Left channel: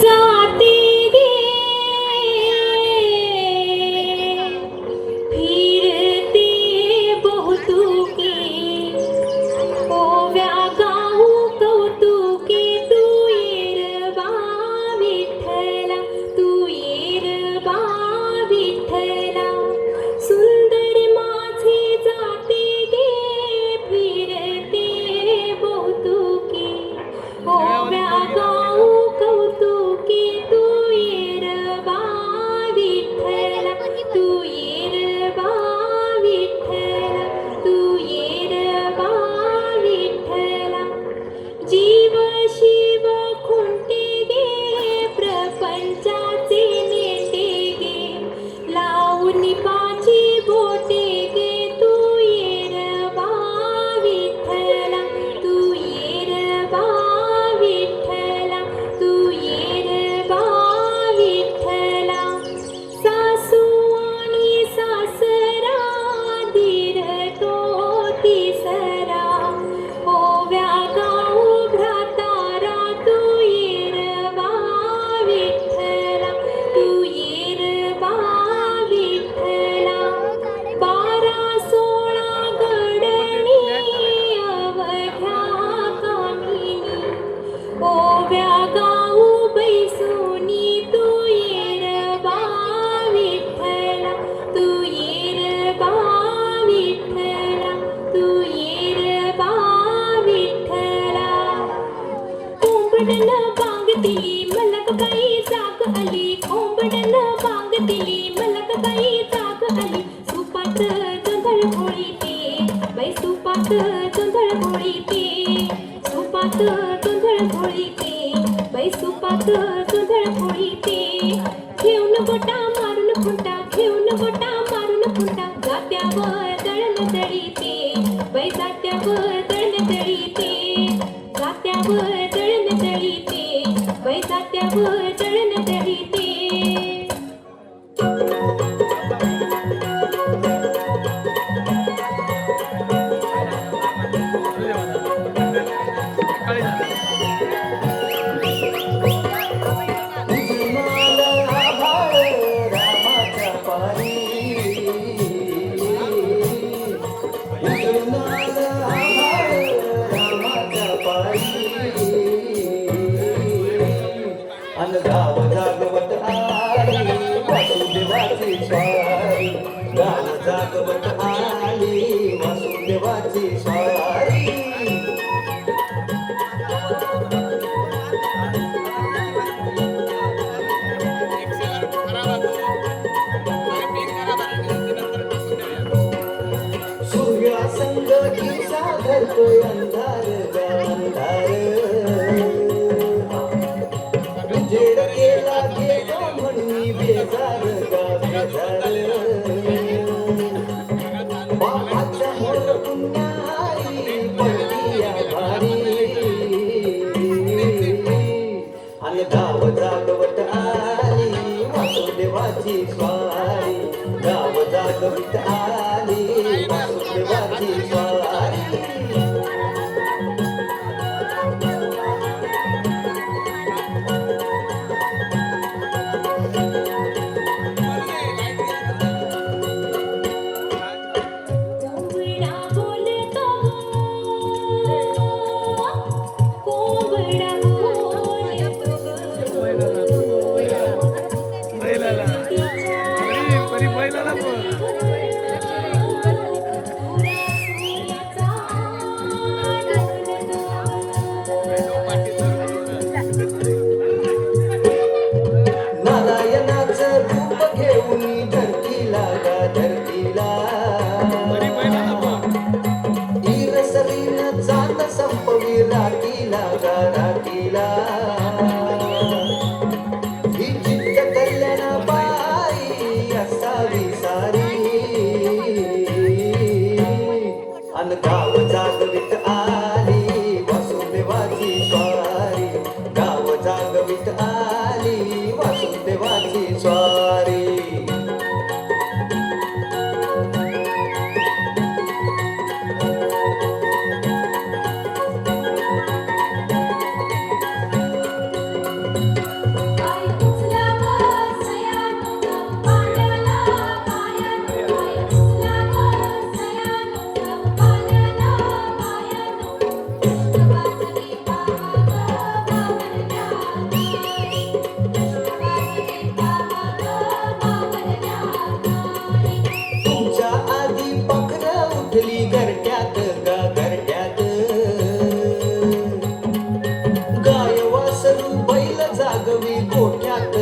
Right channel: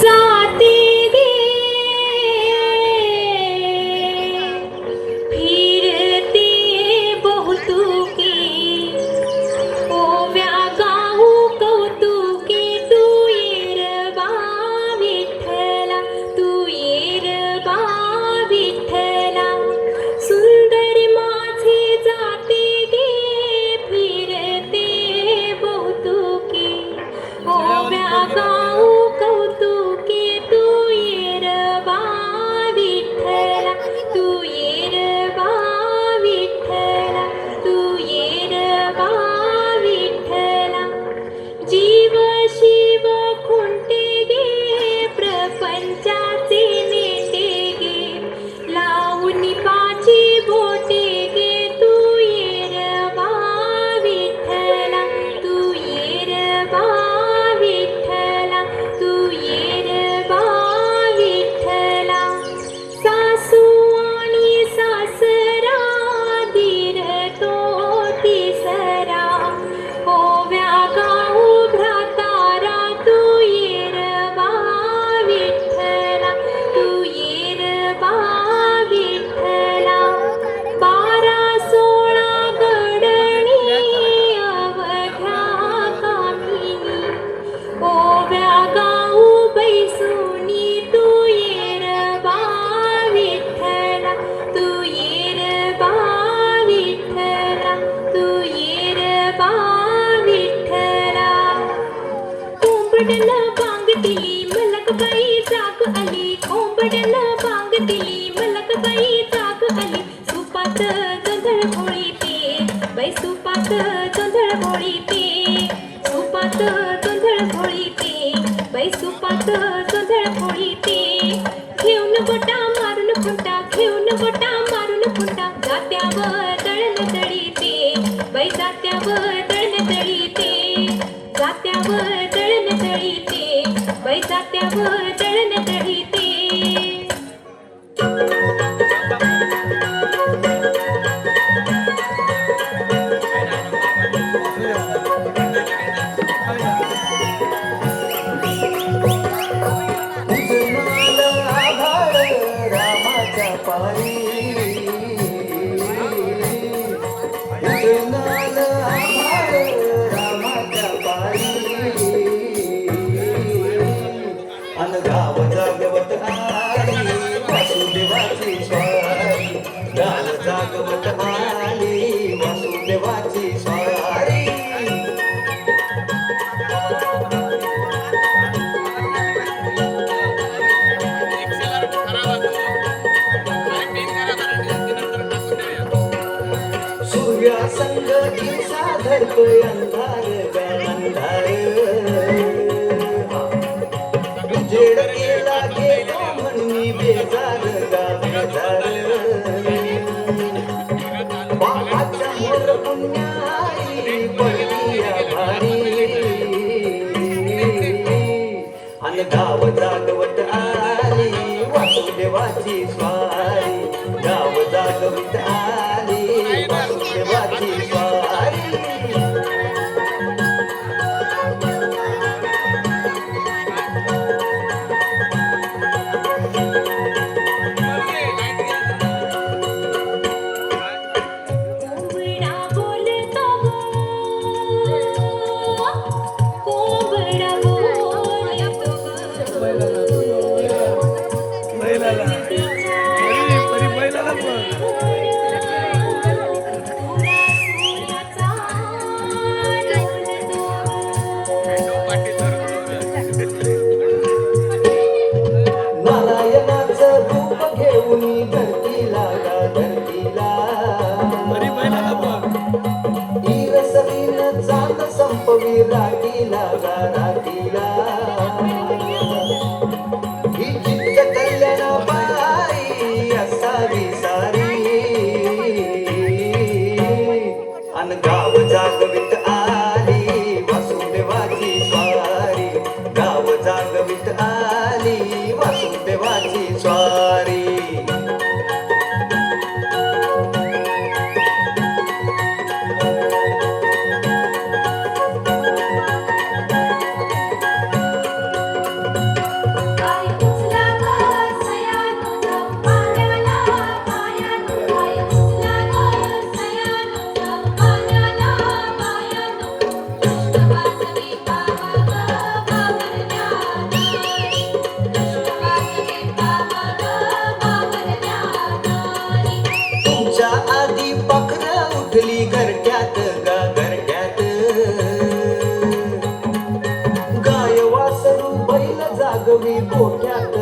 जाते गे फिरते बहुतुके ओव्या गाऊ कौतुके तू येरबा विठ्ठला तू येरबा विठ्ठला सुंदर माझे जाते गे फिरते बहुतुके ओव्या गाऊ कौतुके तू येरबा विठ्ठला तू येरबा विठ्ठला तू येरबा विठ्ठला जीव शिव खुंटे गे प्रपंचाचे नेटे गे लावून पाची बोटे गे तू येरबा विठ्ठला तू येरबा विठ्ठला तू येरबा विठ्ठला सासू आणि सासरा दीर तो तिसरा ओव्या गाऊ भ्रातारा तू येरबा विठ्ठला तू येरबा विठ्ठला 12-16 गडणी अवघ्या काठीनी ओव्या गाऊ बैसुनी तू येरबा विठ्ठला तू येरबा विठ्ठला तू येरबा विठ्ठला कोंबडन बांग दिली मलकबाई जाग आली कोंबडन बांग दिली मलकबाई जाग आली सुपात जोंधळ घोळीते बाई सुपात जोंधळ घोळीते सुपात जोंधळ घोळीते बाई सुपात जोंधळ घोळीते घेऊन गोटा मारून फुंटा घेऊन गोटा मारून फुंटा जात्यावर दळण दळीते बाई जात्यावर दळण दळीते जात्यावर दळण दळीते बाई जात्यावर दळण दळीते गाव जागवत आली वासुदेवाची स्वारी गाव जागवत आली वासुदेवाची स्वारी सूर्या संग दिसा धरतोय अंधार अंधार जेड केला गेलो म्हणून बेजार बेजार बापाच्या मोर पुण्यारी पडली भारी आणि गाव जागवत आली वासुदेवाची स्वारी गाव जागवत आली वासुदेवाची स्वारी रातीला रातीला ही जिद्द कल्याणा बाई असावी सारी अन गाव जागवित आली वासुदेवाची स्वारी गाव जागवित आली वासुदेवाची स्वारी जागवी गोठ्यात